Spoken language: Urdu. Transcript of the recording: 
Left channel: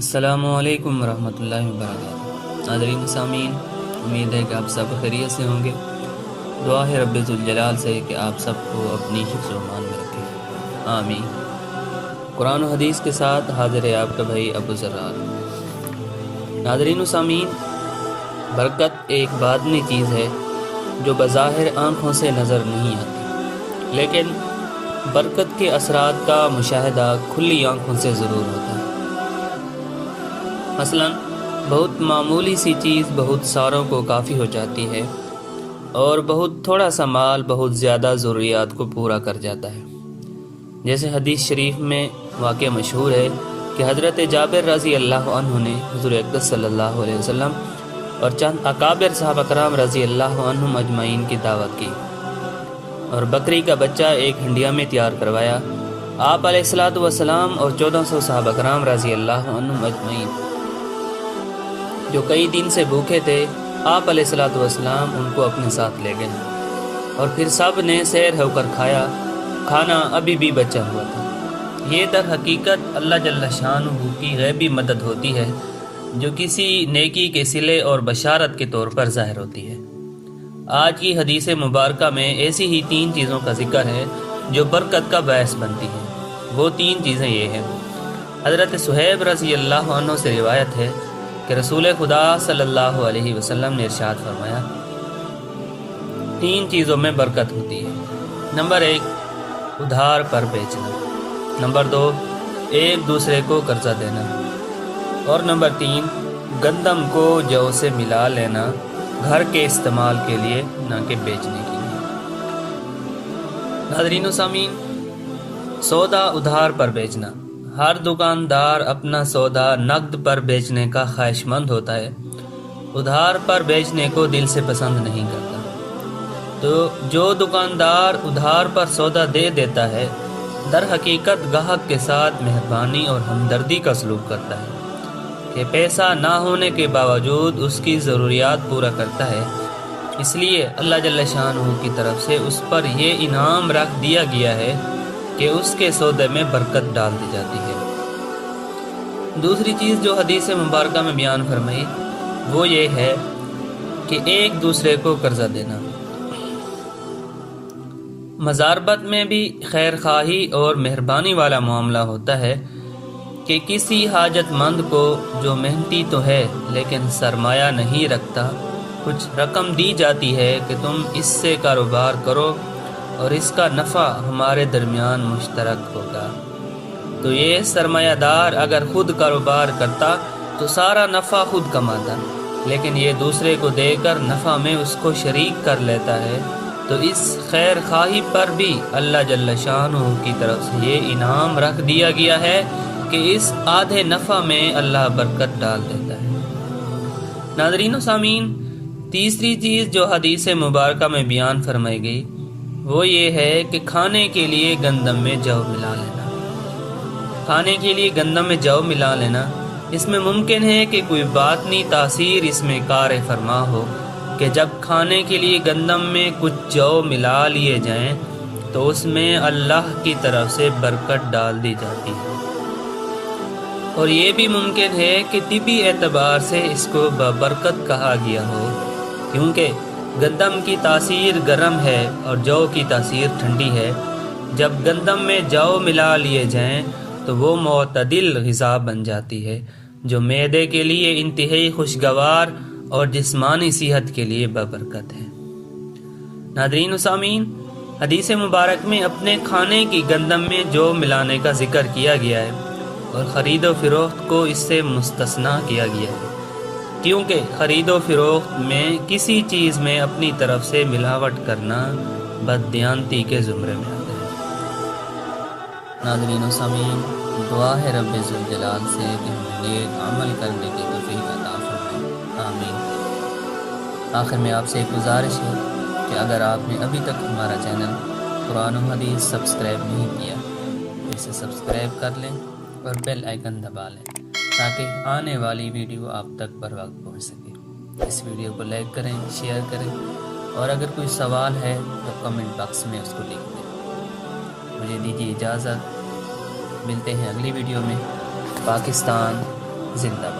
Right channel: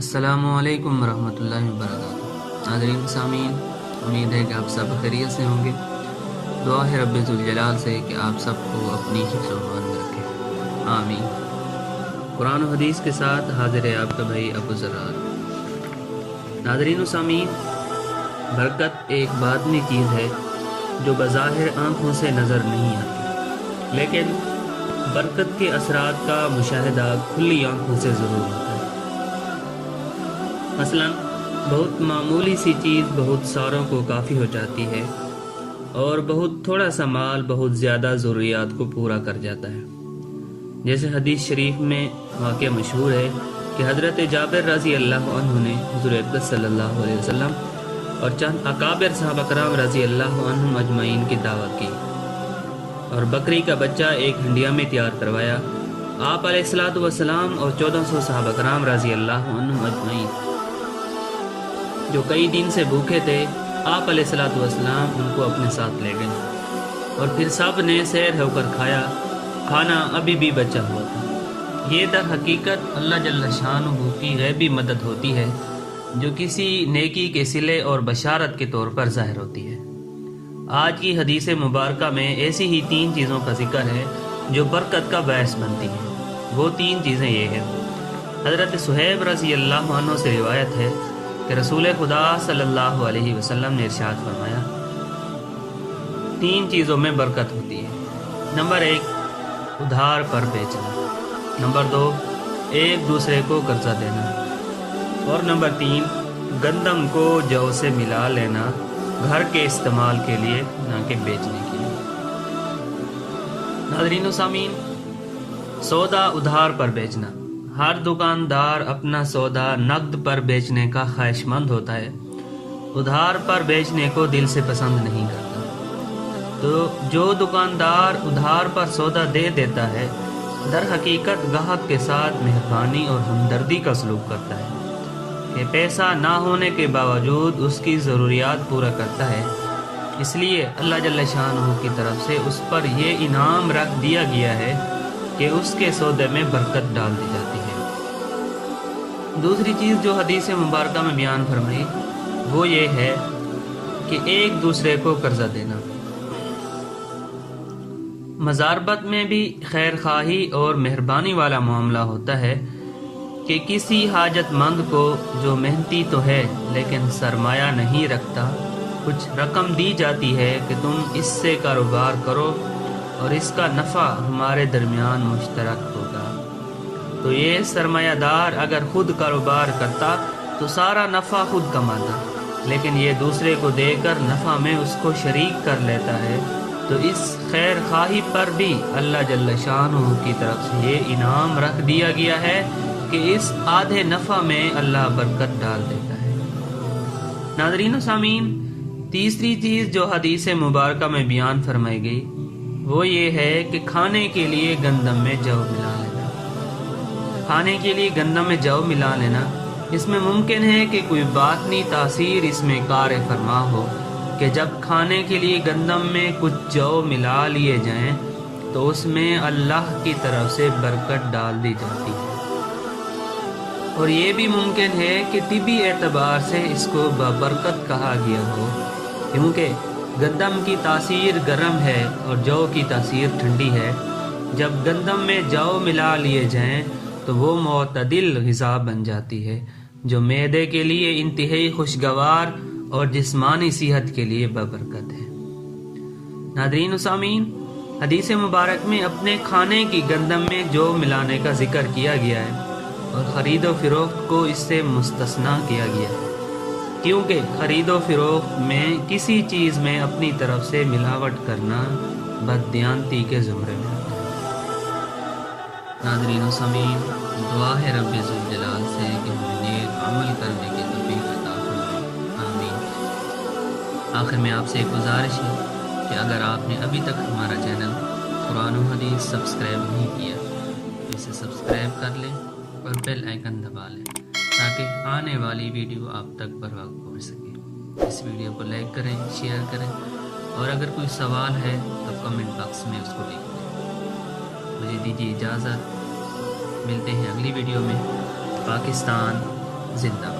السلام علیکم ورحمۃ اللہ وبرکاتہ۔ ناظرین سامعین، امید ہے کہ آپ سب خیریت سے ہوں گے۔ دعا ہے رب ذوالجلال سے کہ آپ سب کو اپنی حفظ و امان میں رکھے، آمین۔ قرآن و حدیث کے ساتھ حاضر ہے آپ کا بھائی ابو ذرار۔ ناظرین و سامعین، برکت ایک باطنی چیز ہے جو بظاہر آنکھوں سے نظر نہیں آتی، لیکن برکت کے اثرات کا مشاہدہ کھلی آنکھوں سے ضرور ہوتا ہے۔ مثلا بہت معمولی سی چیز بہت ساروں کو کافی ہو جاتی ہے، اور بہت تھوڑا سا مال بہت زیادہ ضروریات کو پورا کر جاتا ہے۔ جیسے حدیث شریف میں واقعہ مشہور ہے کہ حضرت جابر رضی اللہ عنہ نے حضور اقدس صلی اللہ علیہ وسلم اور چند اکابر صحابہ کرام رضی اللہ عنہم اجمعین کی دعوت کی، اور بکری کا بچہ ایک ہنڈیا میں تیار کروایا۔ آپ علیہ الصلوۃ والسلام اور 1400 صحابہ کرام رضی اللہ عنہم اجمعین جو کئی دن سے بھوکے تھے، آپ علیہ الصلوۃ والسلام ان کو اپنے ساتھ لے گئے، اور پھر سب نے سیر ہو کر کھایا۔ کھانا ابھی بھی بچا ہوا تھا۔ یہ در حقیقت اللہ جل شانہ کی غیبی مدد ہوتی ہے جو کسی نیکی کے صلے اور بشارت کے طور پر ظاہر ہوتی ہے۔ آج کی حدیث مبارکہ میں ایسی ہی 3 چیزوں کا ذکر ہے جو برکت کا باعث بنتی ہیں۔ وہ 3 چیزیں یہ ہیں۔ حضرت صہیب رضی اللہ عنہ سے روایت ہے کہ رسول خدا صلی اللہ علیہ وسلم نے ارشاد فرمایا، 3 چیزوں میں برکت ہوتی ہے۔ نمبر 1، ادھار پر بیچنا۔ نمبر 2، ایک دوسرے کو قرضہ دینا۔ اور نمبر 3، گندم کو جو سے ملا لینا، گھر کے استعمال کے لیے نہ کہ بیچنے کے لیے۔ ناظرین و سامعین، سودا ادھار پر بیچنا۔ ہر دکاندار اپنا سودا نقد پر بیچنے کا خواہش مند ہوتا ہے، ادھار پر بیچنے کو دل سے پسند نہیں کرتا۔ تو جو دکاندار ادھار پر سودا دے دیتا ہے، در حقیقت گاہک کے ساتھ مہربانی اور ہمدردی کا سلوک کرتا ہے کہ پیسہ نہ ہونے کے باوجود اس کی ضروریات پورا کرتا ہے۔ اس لیے اللہ جل شانہ کی طرف سے اس پر یہ انعام رکھ دیا گیا ہے کہ اس کے سودے میں برکت ڈال دی جاتی ہے۔ دوسری چیز جو حدیث مبارکہ میں بیان فرمائی وہ یہ ہے کہ ایک دوسرے کو قرضہ دینا۔ مزاربت میں بھی خیر خواہی اور مہربانی والا معاملہ ہوتا ہے کہ کسی حاجت مند کو جو محنتی تو ہے لیکن سرمایہ نہیں رکھتا، کچھ رقم دی جاتی ہے کہ تم اس سے کاروبار کرو اور اس کا نفع ہمارے درمیان مشترک ہوگا۔ تو یہ سرمایہ دار اگر خود کاروبار کرتا تو سارا نفع خود کماتا، لیکن یہ دوسرے کو دے کر نفع میں اس کو شریک کر لیتا ہے۔ تو اس خیر خواہی پر بھی اللہ جل شانہ کی طرف سے یہ انعام رکھ دیا گیا ہے کہ اس آدھے نفع میں اللہ برکت ڈال دیتا ہے۔ ناظرین و سامعین، تیسری چیز جو حدیث مبارکہ میں بیان فرمائی گئی وہ یہ ہے کہ کھانے کے لیے گندم میں جو ملا لینا۔ کھانے کے لیے گندم میں جو ملا لینا، اس میں ممکن ہے کہ کوئی باطنی تاثیر اس میں کار فرما ہو کہ جب کھانے کے لیے گندم میں کچھ جو ملا لیے جائیں تو اس میں اللہ کی طرف سے برکت ڈال دی جاتی ہے۔ اور یہ بھی ممکن ہے کہ طبی اعتبار سے اس کو برکت کہا گیا ہو، کیونکہ گندم کی تاثیر گرم ہے اور جو کی تاثیر ٹھنڈی ہے۔ جب گندم میں جو ملا لیے جائیں تو وہ معتدل غذا بن جاتی ہے جو معدے کے لیے انتہائی خوشگوار اور جسمانی صحت کے لیے بابرکت ہے۔ ناظرین و سامعین، حدیث مبارک میں اپنے کھانے کی گندم میں جو ملانے کا ذکر کیا گیا ہے، اور خرید و فروخت کو اس سے مستثنیٰ کیا گیا ہے، کیونکہ خرید و فروخت میں کسی چیز میں اپنی طرف سے ملاوٹ کرنا بددیانتی کے زمرے میں آتا ہے۔ ناظرین و سامعین، دعا ہے رب ذوالجلال سے کہ ہمیں نیک عمل کرنے کی توفیق عطا فرمائے، آمین۔ آخر میں آپ سے ایک گزارش ہے کہ اگر آپ نے ابھی تک ہمارا چینل قرآن و حدیث سبسکرائب نہیں کیا تو اسے سبسکرائب کر لیں اور بیل آئیکن دبا لیں تاکہ آنے والی ویڈیو آپ تک بر وقت پہنچ سکے۔ اس ویڈیو کو لائک کریں، شیئر کریں، اور اگر کوئی سوال ہے تو کمنٹ باکس میں اس کو لکھ دیں۔ مجھے دیجیے اجازت، ملتے ہیں اگلی ویڈیو میں۔ پاکستان زندہ باد۔